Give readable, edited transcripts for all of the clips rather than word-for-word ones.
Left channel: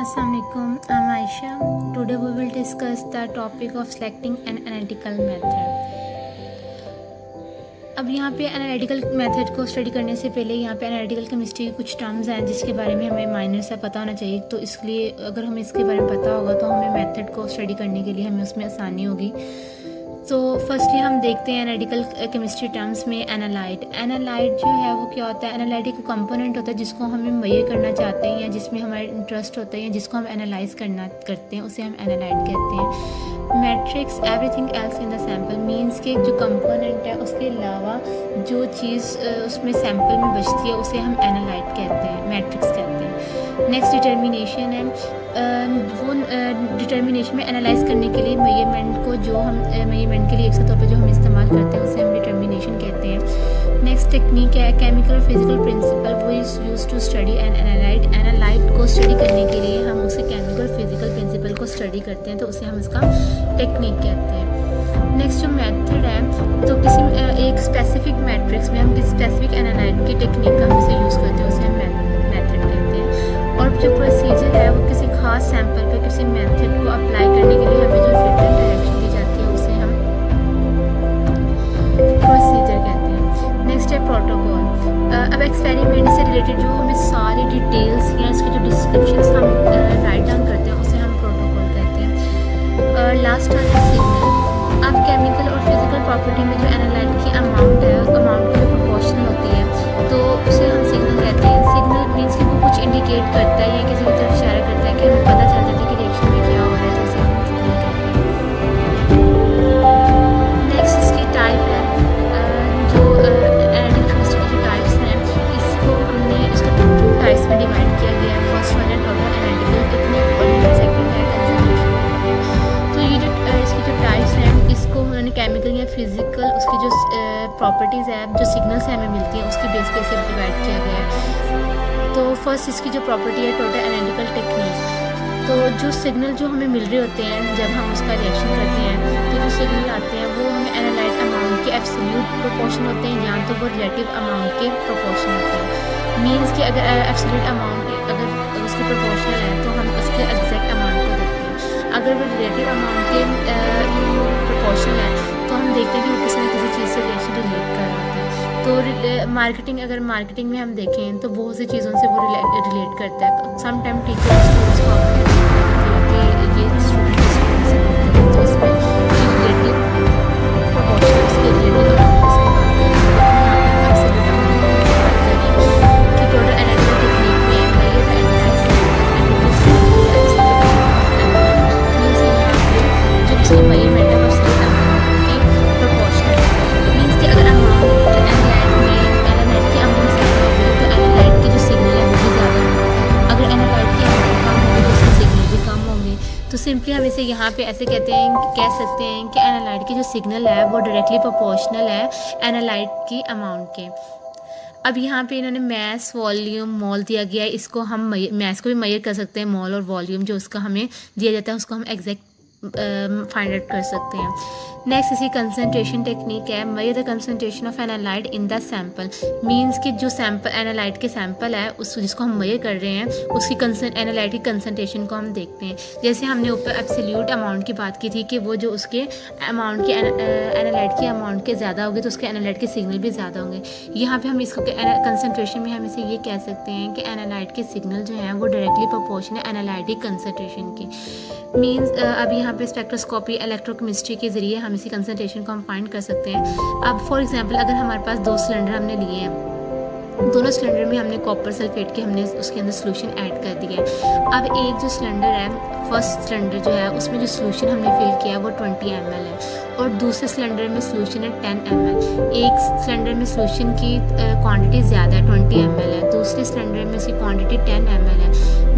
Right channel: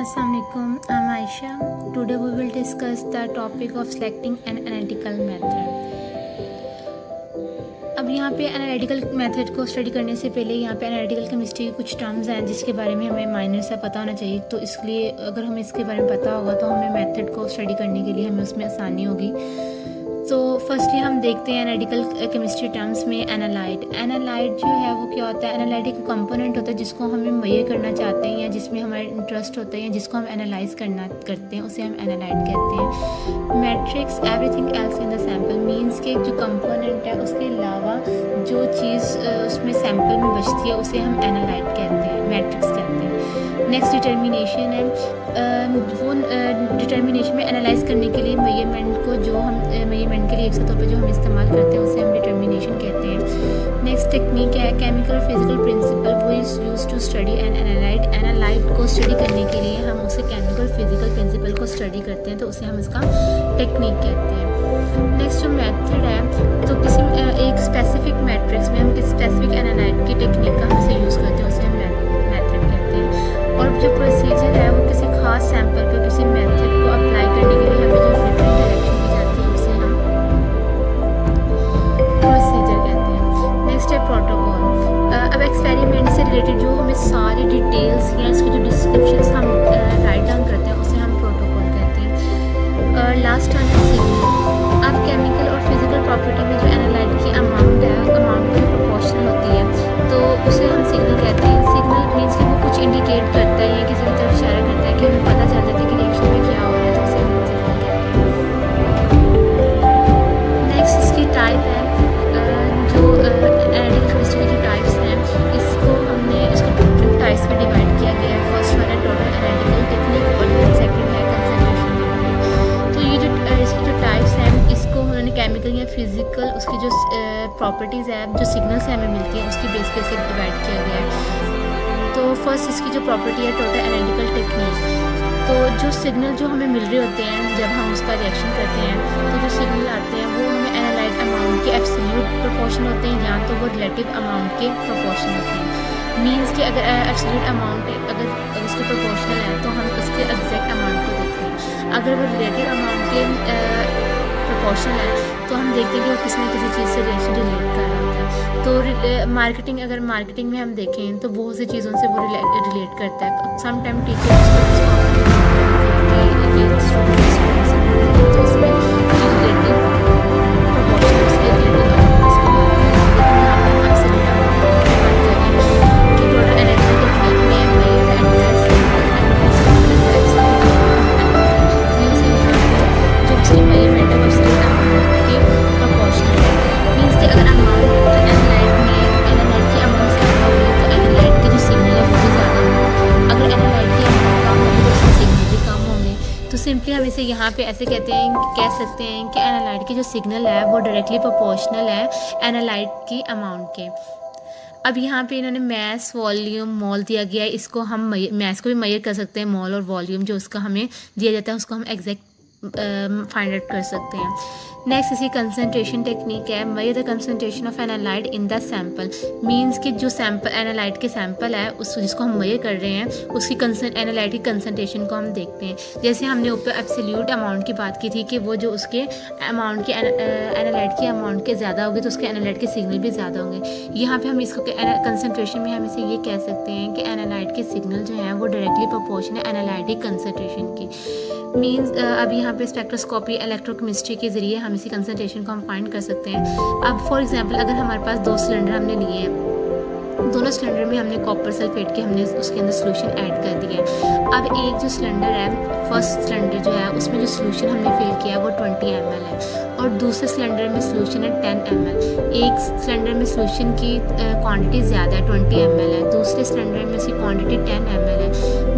Assalamualaikum, I'm Aisha. Today we will discuss the topic of selecting an analytical method. अब यहाँ पे analytical method को study करने से पहले यहाँ पे एनालिटिकल केमिस्ट्री की कुछ टर्म्स हैं जिसके बारे में हमें माइनर सा पता होना चाहिए। तो इसलिए अगर हमें इसके बारे में पता होगा तो हमें मेथड को स्टडी करने के लिए हमें उसमें आसानी होगी। तो फर्स्टली हम देखते हैं एनालिटिकल केमिस्ट्री टर्म्स में एनालाइट। एनालाइट जो है वो क्या होता है? एनालाइट एक कंपोनेंट होता है जिसको हमें मेजर करना चाहते हैं या जिसमें हमारा इंटरेस्ट होता है या जिसको हम एनालाइज करते हैं, उसे हम एनालाइट कहते हैं। Matrix everything else in the sample means के जो कंपोनेंट है उसके अलावा जो चीज़ उसमें सैम्पल में बचती है उसे हम एनालाइट कहते हैं, मैट्रिक्स कहते हैं। नेक्स्ट डिटर्मिनेशन है, वो डिटर्मिनेशन में एनालाइज करने के लिए मेजरमेंट को जो हम मेजरमेंट के लिए एक तौर पर जो हम इस्तेमाल करते हैं उसे हम डिटर्मिनेशन कहते हैं। नेक्स्ट टेक्निक है केमिकल और फिजिकल प्रिंसिपल, वो is use to study an analyte. Analyte को स्टडी करने के लिए हम उसे केमिकल फिजिकल प्रिंसिपल को स्टडी करते हैं तो उसे हम इसका टेक्निक कहते हैं। नेक्स्ट जो मेथड है, तो किसी एक स्पेसिफिक मैट्रिक्स में हम किसी स्पेसिफिक एनालाइट की टेक्निक का हम इसे यूज़ करते हैं, उसे हम मेथड कहते हैं। और जो प्रोसीजर है वो किसी खास सैंपल पर किसी मेथड को अप्लाई करने के लिए हमें जो रिटन डायरेक्शन दी जाती है उसे हम प्रोसीजर कहते हैं। नेक्स्ट है प्रोटोकॉल। अब एक्सपेरिमेंट से रिलेटेड जो हमें सारी डिटेल्स या इसकी जो डिस्क्रिप्शंस हम राइट डाउन करते हैं उसे हम प्रोटोकॉल कहते हैं। लास्ट वन है सिग्नल। अब केमिकल और फिजिकल प्रॉपर्टी में जो एनालाइट की अमाउंट है, अमाउंट की जो प्रोपोर्शनल होती है तो उसे हम सिग्नल कहते हैं। सिग्नल मीन्स कि वो कुछ इंडिकेट करता है या किसी की तरफ इशारा करता है कि हमें पता चल जाता है कि रिएक्शन में क्या हो रहा है, तो उसे हम सिग्नल कहते हैं। नेक्स्ट इसकी टाइप है, जो एनालिटिकल केमिस्ट्री की जो टाइप्स हैं इसको टू टाइप्स में डिवाइड किया गया है। फर्स्ट वन है टोटल एनालिटिकल टेक्निक और सेकंड है कंसंट्रेशन टेक्निक। तो ये जो इसकी जो टाइप्स हैं इसको उन्होंने केमिकल या फिजिकल उसकी जो प्रॉपर्टीज़ है जो सिग्नल से हमें मिलती हैं उसकी बेस पे से डिवाइड किया गया है। तो फर्स्ट इसकी जो प्रॉपर्टी है टोटल एनालिटिकल टेक्निक। तो जो सिग्नल जो हमें मिल रहे होते हैं जब हम उसका रिएक्शन करते हैं तो जो सिग्नल आते हैं वो हमें एनालाइट अमाउंट के एब्सोल्यूट प्रोपोर्शन होते हैं या तो वो रिलेटिव अमाउंट के प्रोपोर्शन होते हैं। मीन्स कि अगर एब्सोल्यूट अमाउंट अगर उसके प्रोपोर्शनल है तो हम उसके एग्जैक्ट अमाउंट को देखते हैं। अगर वो रिलेटिव अमाउंट के प्रोपोर्शनल है तो हम देखते हैं कि वो किसी न किसी चीज़ से रिएक्शन रिलेट कर रहा होता है। तो अगर मार्केटिंग में हम देखें तो बहुत सी चीज़ों से वो रिलेट करता है। सम टाइम टीचर स्टूडेंट्स को आपस में रिलेट कर देती है कि ये स्टूडेंट से मिलते हैं, तो इसमें रिलेटिव प्रोपोर्शनल उसके रिलेटिव अमाउंट की बात करेंगे। लेकिन यहाँ पे हम एब्सोल्यूट अमाउंट की बात करें कि टोटल एनालिटिकल टेक्निक में मेजर एनालाइज मीन्स यहाँ पे जो उसकी मेजरमेंट है वो एब्सोल्यूट अमाउंट के प्रोपोर्शनल है। मीन्स कि अगर अमाउंट एनालाइट की अमाउंट ज़्यादा होगी तो एनालाइट के जो सिग्नल है वो भी ज़्यादा होंगे। अगर एनालाइट की अमाउंट कम होगी तो उसके सिग्नल भी कम होंगे। तो सिंपली हम इसे यहाँ पे ऐसे कह सकते हैं कि एनालाइट की जो सिग्नल है वो डायरेक्टली प्रोपोर्शनल है एनालाइट की अमाउंट के। अब यहाँ पे इन्होंने मैस, वॉल्यूम, मोल दिया गया है। इसको हम मैस को भी मेजर कर सकते हैं, मोल और वॉल्यूम जो उसका हमें दिया जाता है उसको हम एग्जैक्ट फाइंड आउट कर सकते हैं। नेक्स्ट इसकी कंसंट्रेशन टेक्निक है, measure the concentration of analyte in the sample. Means कि जो सैंपल एनालाइट के सैंपल है उस जिसको हम मेजर कर रहे हैं उसकी एनालाइट की कंसंट्रेशन को हम देखते हैं। जैसे हमने ऊपर एब्सोल्यूट अमाउंट की बात की थी कि वो जो उसके अमाउंट के एनालाइट की अमाउंट के ज़्यादा होगी तो उसके एनालाइट के सिग्नल भी ज़्यादा होंगे। यहाँ पर हम इसको कंसंट्रेशन में हम इसे ये कह सकते हैं कि एनालाइट के सिग्नल जो हैं वो डायरेक्टली प्रोपोर्शनल है एनालाइट की कंसंट्रेशन की। मीन्स अब यहाँ पे स्पेक्ट्रोस्कोपी इलेक्ट्रोकेमिस्ट्री के ज़रिए हम इसी कंसंट्रेशन को हम फाइंड कर सकते हैं। अब फॉर एग्जांपल अगर हमारे पास 2 सिलेंडर हमने लिए हैं, दोनों सिलेंडर में हमने कॉपर सल्फेट के हमने उसके अंदर सोल्यूशन ऐड कर दिया है। अब एक जो सिलेंडर है, फर्स्ट सिलेंडर जो है उसमें जो सोल्यूशन हमने फिल किया है वो 20 ml है और दूसरे सिलेंडर में सोल्यूशन है 10 ml। एक सिलेंडर में सोल्यूशन की क्वांटिटी ज़्यादा है, 20 ml है, दूसरे सिलेंडर में उसकी क्वांटिटी 10 ml है।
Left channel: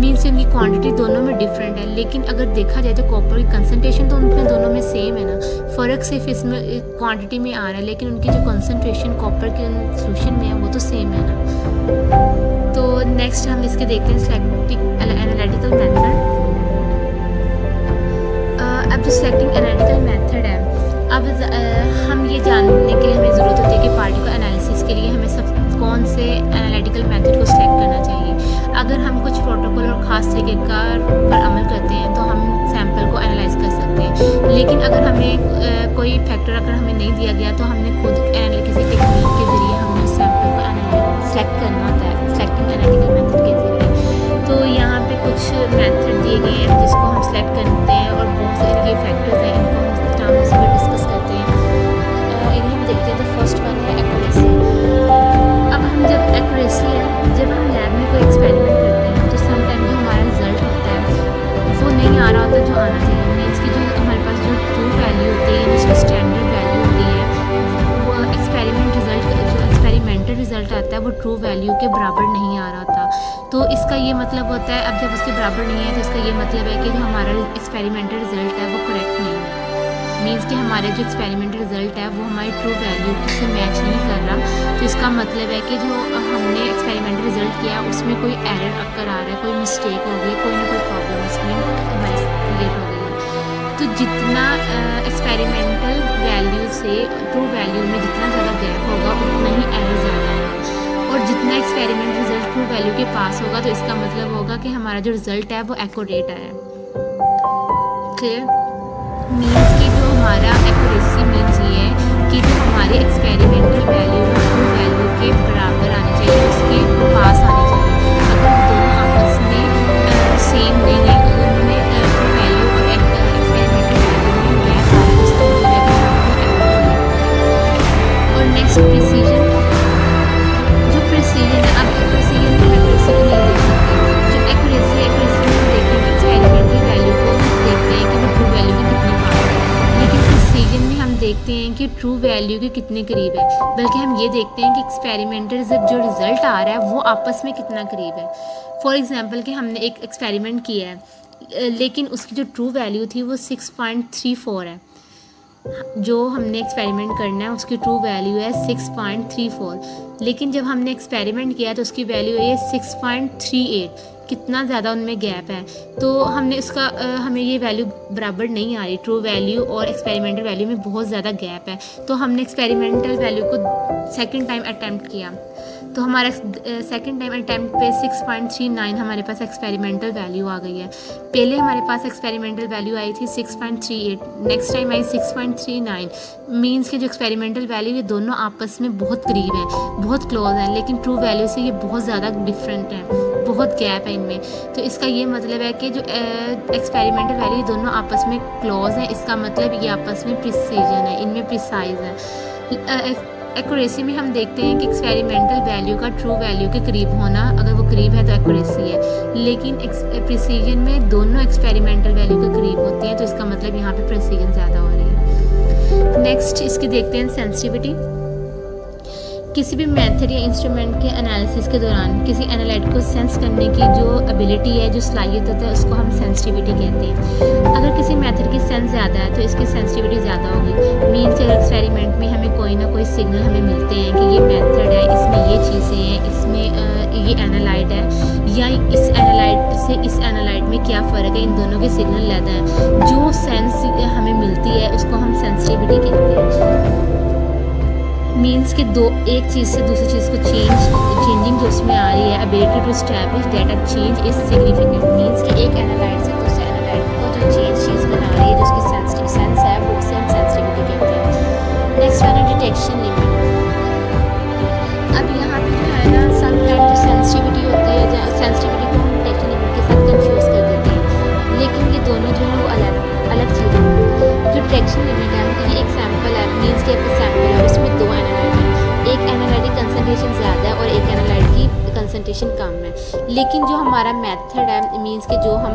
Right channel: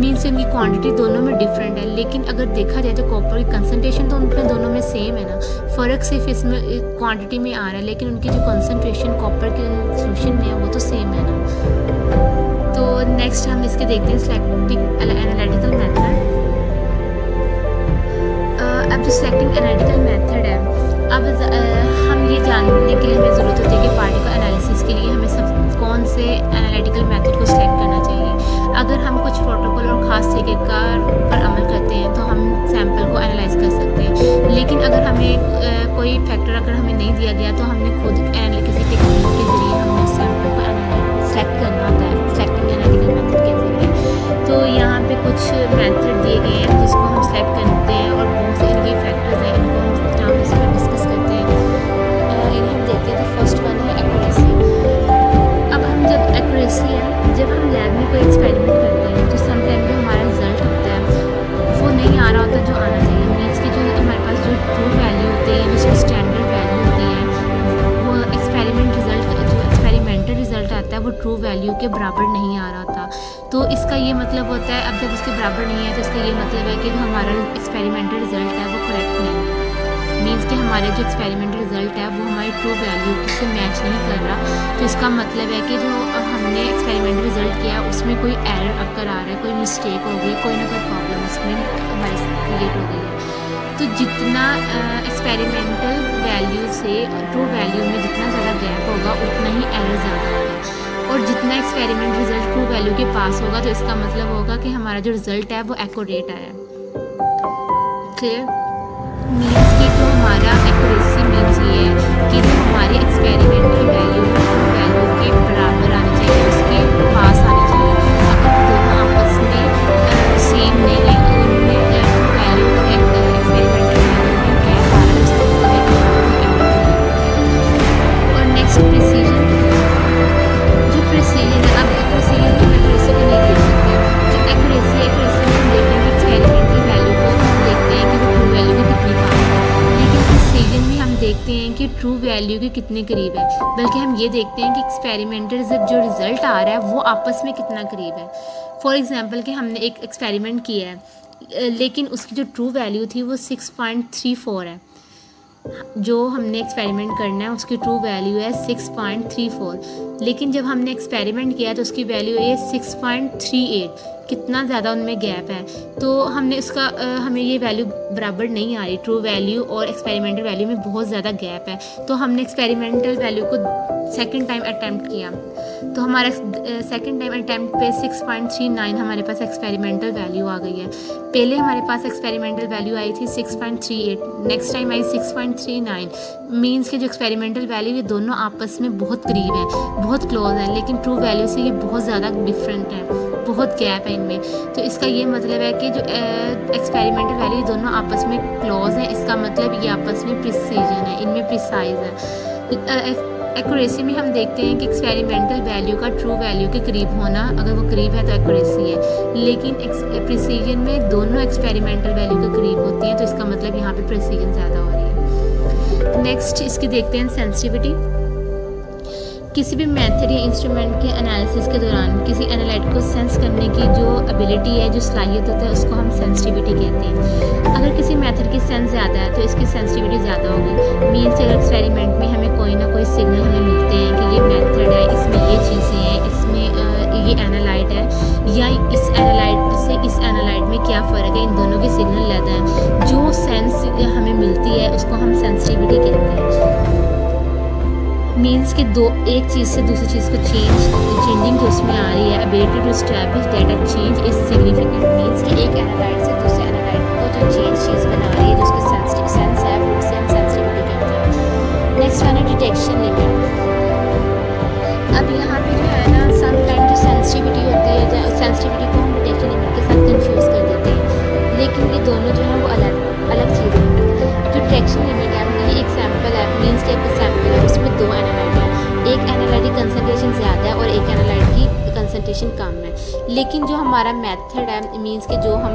मीन्स उनकी क्वांटिटी दोनों में डिफरेंट है, लेकिन अगर देखा जाए तो कॉपर की कंसनट्रेशन तो उनमें दोनों में सेम है ना, फ़र्क सिर्फ इसमें क्वांटिटी में आ रहा है, लेकिन उनकी जो कंसनट्रेशन कॉपर के सोल्यूशन में है वो तो सेम है ना। तो नेक्स्ट हम इसके देखते हैं सिलेक्टिंग एनालिटिकल मेथड। अब जो सिलेक्टिंग एनालिटिकल मेथड है, अब हम ये जानने के लिए हमें ज़रूरत होती है कि पार्टिकल एनालिसिस के लिए हमें कौन से एनालिटिकल मेथड को सिलेक्ट करना चाहिए। अगर हम कुछ प्रोटोकॉल और ख़ास तरीके पर अमल करते हैं तो हम सैंपल को एनालाइज कर सकते हैं। लेकिन अगर हमें कोई फैक्टर अगर हमें नहीं दिया गया तो हमने खुद किसी टेक्निक के ज़रिए हमने उस सैंपल को सेलेक्ट करना होता है, सेलेक्टिंग एनालिटिकल मेथड के ज़रिए। तो यहाँ पे कुछ मेथड दिए गए हैं जिसको हम सेलेक्ट करते हैं और बहुत से इनके फैक्टर्स हैं, इनको हम टर्म्स पर डिस्कस करते हैं। इन्हें हम देखते हैं। तो फर्स्ट वन है एक्यूरेसी। अब हम जब एक्यूरेसी है, जब हम लैब में कोई एक्सपेरिमेंट करते हैं तो समटाइम जो हमारा रिज़ल्ट होता है वो नहीं आ रहा होता जो आना चाहिए। मीन्स कि जो हमारे पास जो ट्रू वैल्यू होती है, जिसकी स्टैंडर्ड वैल्यू होती है, वो एक्सपेरिमेंटल रिज़ल्ट आता है वो ट्रू वैल्यू के बराबर नहीं आ रहा था। तो इसका ये मतलब होता है, अब जब उसके बराबर नहीं है तो इसका ये मतलब है कि जो हमारा एक्सपेरिमेंटल रिज़ल्ट है वो करेक्ट नहीं है। मीन्स कि हमारे जो एक्सपेरिमेंटल रिज़ल्ट है वो हमारी ट्रू वैल्यू से मैच नहीं कर रहा। तो इसका मतलब है कि जो हमने एक्सपेरिमेंटल रिज़ल्ट किया उसमें कोई एरर अक्कर आ रहा है, कोई मिस्टेक हो गई, कोई ना कोई प्रॉब्लम उसमें हमारी क्रिएट हो गई है। तो जितना एक्सपेरिमेंटल वैल्यू से ट्रू वैल्यू में जितना ज़्यादा गैप होगा उतना ही एरर ज़्यादा होगा। और जितना एक्सपेरिमेंट रिज़ल्ट ट्रू वैल्यू के पास होगा तो इसका मतलब होगा कि हमारा जो रिज़ल्ट है वो एक्यूरेट आया। क्लियर? मीन्स कि जो हमारा एक्यूरेसी मीन्स ये है कि जो हमारी एक्सपेरिमेंटल वैल्यू है ट्रू वैल्यू के बराबर आनी चाहिए, उसके पास आनी चाहिए। अगर वो दोनों आपस में सेम नहीं है, उनमें ट्रू वैल्यू और एक्सपेरिमेंटल वैल्यू में गैप आ रहा है, इसका मतलब है कि यहाँ पर कोई एरर क्रिएट है। और नेक्स्ट प्रिसीजन। जो प्रिसीजन है, अब प्रिसीजन में एक्यूरेसी को नहीं देख सकते। जो एक्यूरेसी में हम देखते हैं कि एक्सपेरिमेंटल वैल्यू को देखते हैं कि वो ट्रू वैल्यू के कितनी पास है, लेकिन प्रिसीजन में हम देखते हैं कि ट्रू वैल्यू के कितने करीब है। बल्कि हम ये देखते हैं कि एक्सपेरिमेंटल जो रिज़ल्ट आ रहा है वो आपस में कितना करीब है। फॉर एग्जांपल कि हमने एक एक्सपेरिमेंट किया है लेकिन उसकी जो ट्रू वैल्यू थी वो 6.34 है। जो हमने एक्सपेरिमेंट करना है उसकी ट्रू वैल्यू है 6.34, लेकिन जब हमने एक्सपेरिमेंट किया तो उसकी वैल्यू है 6.38। कितना ज़्यादा उनमें गैप है। तो हमने उसका हमें ये वैल्यू बराबर नहीं आ रही, ट्रू वैल्यू और एक्सपेरिमेंटल वैल्यू में बहुत ज़्यादा गैप है। तो हमने एक्सपेरिमेंटल वैल्यू को सेकंड टाइम अटैम्प्ट किया तो हमारा सेकंड टाइम अटैम्प्ट पे 6.39 हमारे पास एक्सपेरिमेंटल वैल्यू आ गई है। पहले हमारे पास एक्सपेरिमेंटल वैल्यू आई थी 6.38, नेक्स्ट टाइम आई 6.39। मीन्स कि जो एक्सपेरिमेंटल वैल्यू ये दोनों आपस में बहुत करीब हैं, बहुत क्लोज हैं, लेकिन ट्रू वैल्यू से ये बहुत ज़्यादा डिफरेंट है, बहुत गैप है इनमें। तो इसका ये मतलब है कि जो एक्सपेरिमेंटल वैल्यू ये दोनों आपस में क्लोज हैं, इसका मतलब ये आपस में प्रिसीजन है, इनमें प्रिसाइज है। एक्यूरेसी में हम देखते हैं कि एक्सपेरिमेंटल वैल्यू का ट्रू वैल्यू के करीब होना, अगर वो करीब है तो एक्यूरेसी है, लेकिन प्रिसीजन में दोनों एक्सपेरिमेंटल वैल्यू के करीब होती हैं, तो इसका मतलब यहाँ पे प्रिसीजन ज़्यादा हो रही है। नेक्स्ट इसकी देखते हैं सेंसिटिविटी। किसी भी मेथड या इंस्ट्रूमेंट के एनालिसिस के दौरान किसी एनालाइट को सेंस करने की जो एबिलिटी है, जो सलाहियत होता है, उसको हम सेंसिटिविटी कहते हैं। अगर किसी मेथड की सेंस ज़्यादा है तो इसकी सेंसिटिविटी ज़्यादा होगी। मीन्स अगर एक्सपेरिमेंट में हमें कोई ना कोई सिग्नल हमें मिलते हैं कि ये मेथड है, इसमें ये चीज़ें हैं, इसमें ये एनालाइट है, या इस एनालाइट से इस एनालाइट में क्या फ़र्क है, इन दोनों के सिग्नल लेते हैं, जो सेंस हमें मिलती है उसको हम सेंसिटिविटी कहते हैं। मीन्स कि एक चीज़ से दूसरी चीज़ को चेंजिंग जो उसमें आ रही है, ability to establish data change is significant. Means कि एक एनालाइट से दूसरे एनालाइट को जो चीज़ बना रही है, जो उसकी सेंस है, वो उसे हम सेंसिटिविटी कहते हैं। नेक्स्ट वन है डिटेक्शन लिमिट। अब यहाँ पे जो है ना, समटाइम जो सेंसिटिविटी होती है, सेंसिटिविटी को हम डिटेक्शन लिमिट के साथ कंफ्यूज कर देते हैं, लेकिन ये दोनों जो है वो अलग चीज़ है। जो डिटेक्शन लिमिट है, ये एक सैम्पल है, मीन्स कि एक सैम्पल है, उसमें दो एनालाइट हैं, एक एनालाइट की कंसनट्रेशन ज़्यादा है और एक एनालाइट की कंसनट्रेशन कम है। लेकिन जो हमारा मेथड है, मीन्स कि जो हम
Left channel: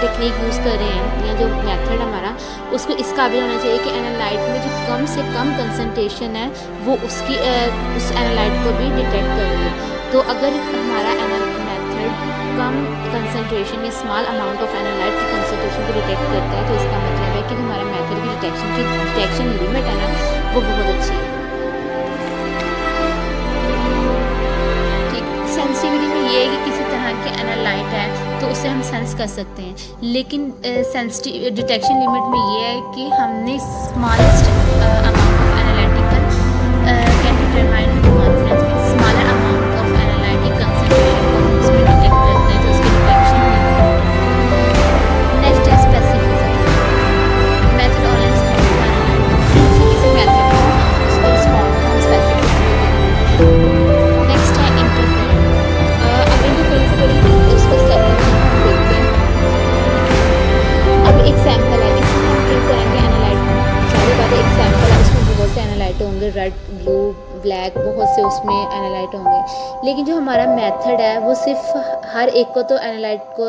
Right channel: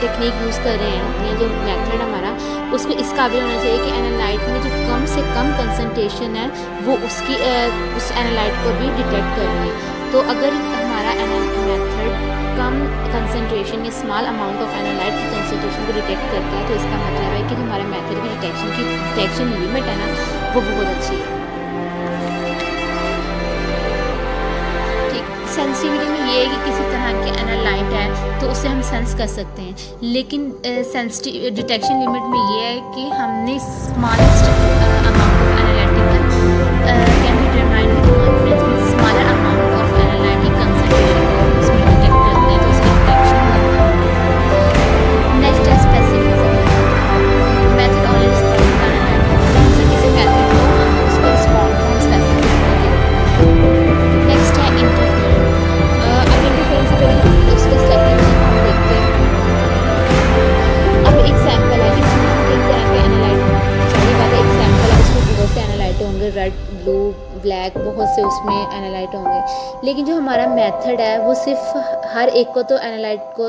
टेक्निक यूज़ कर रहे हैं या जो मेथड हमारा, उसको इस काबिल होना चाहिए कि एनालाइट में जो कम से कम कंसनट्रेशन है वो उस एनालाइट को भी डिटेक्ट कर ले। तो अगर हमारा मेथड कम कंसंट्रेशन या स्मॉल अमाउंट ऑफ एनालाइट की कंसंट्रेशन को डिटेक्ट करता है, तो इसका मतलब है कि जो हमारा मेथड की डिटेक्शन लिमिट है ना, वो बहुत अच्छी है। ठीक, सेंसिटिविटी में ये है कि किसी तरह के एनालाइट है तो उसे हम सेंस कर सकते हैं, लेकिन डिटेक्शन लिमिट में ये है कि हमने smallest amount of analytical can determine with confidence, means smaller amount of analytic concentration को हम होंगे, रेड, ब्लू, ब्लैक, बहुत से उसमें एनालाइट होंगे। लेकिन जो हमारा मेथड है वो सिर्फ हर एक को तो एनालाइट को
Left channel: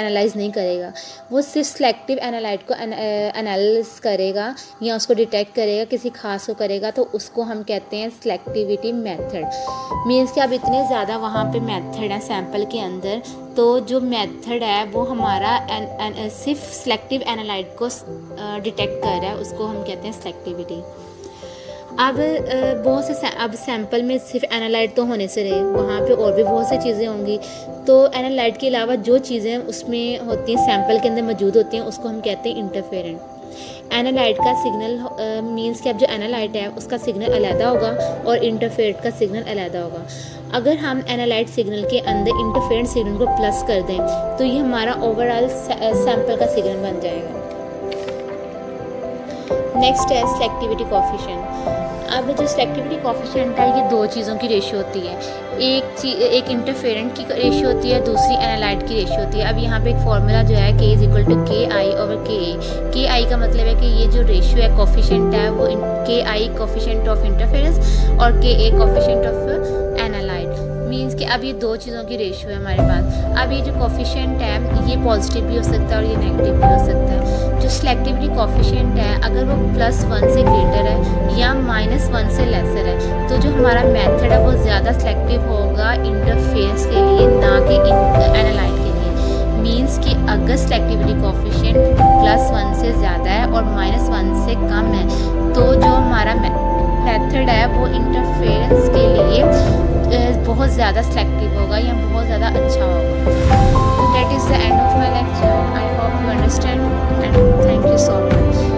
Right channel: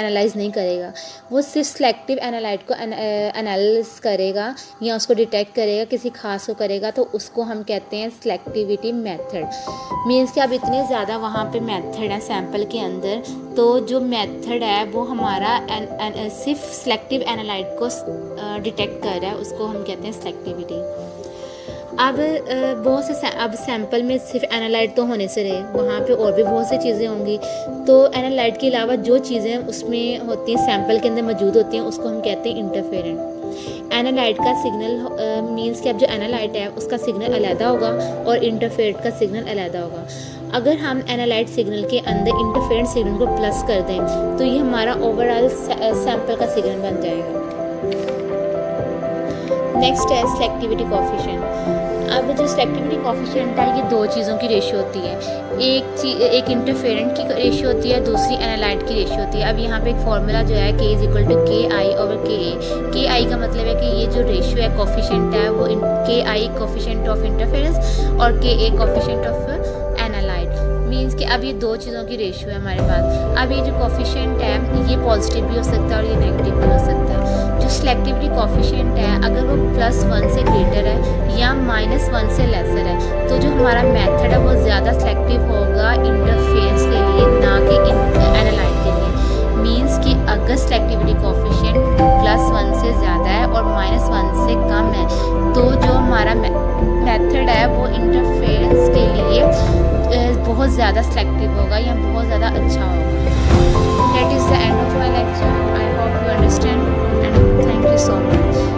एनालाइज नहीं करेगा, वो सिर्फ सेलेक्टिव एनालाइट को एनालिसिस करेगा या उसको डिटेक्ट करेगा, किसी खास को करेगा, तो उसको हम कहते हैं सेलेक्टिविटी मेथड। मीन्स कि अब इतने ज़्यादा वहाँ पे मेथड हैं सैम्पल के अंदर, तो जो मेथड है वो हमारा सिर्फ सेलेक्टिव एनालाइट को डिटेक्ट कर रहा है, उसको हम कहते हैं सेलेक्टिविटी। अब बहुत से अब सैंपल में सिर्फ एनालाइट तो होने से रहे, वहाँ पे और भी बहुत सी चीज़ें होंगी। तो एनालाइट के अलावा जो चीज़ें उसमें होती हैं, सैंपल के अंदर मौजूद होती हैं, उसको हम कहते हैं इंटरफेरेंट। एनालाइट का सिग्नल मींस कि अब जो एनालाइट है उसका सिग्नल अलग होगा और इंटरफेरेंट का सिग्नल अलग होगा। अगर हम एनालाइट सिग्नल के अंदर इंटरफेरेंट सिग्नल को प्लस कर दें तो ये हमारा ओवरऑल सैंपल का सिग्नल बन जाएगा। नेक्स्ट है सेलेक्टिविटी कोएफिशिएंट। अब जो सेलेक्टिविटी कोएफिशिएंट है ये दो चीज़ों की रेशियो होती है, एक इंटरफेरेंट की रेशियो होती है, दूसरी एनालाइट की रेशियो होती है। अब यहाँ पे एक फार्मूला जो है K = KI/KA। KI का मतलब है कि ये जो रेशियो है कोएफिशिएंट है वो KI कोएफिशिएंट ऑफ इंटरफेरेंस और KA coefficient of analyte. Means कि अब ये दो चीज़ों की रेशियो है हमारे पास। अब ये जो कोएफिशिएंट है ये पॉजिटिव भी हो सकता है और ये नेगेटिव भी हो सकता है। जो सेलेक्टिविटी कोएफिशिएंट है अगर वो +1 से ग्रेटर है या -1 से लेसर है तो जो हमारा मेथड है वो ज़्यादा सेलेक्टिव होगा इंटरफेरेंस के लिए, ना कि एनालाइट के लिए। मीन्स कि अगर सेलेक्टिविटी कोएफिशिएंट +1 से ज़्यादा है और -1 से कम है तो जो हमारा मेथड है वो इंटरफेरेंस के लिए बहुत ज़्यादा सेलेक्टिव होगा या बहुत ज़्यादा अच्छा होगा। That is the end of my lecture. I hope you understand and thank you so much.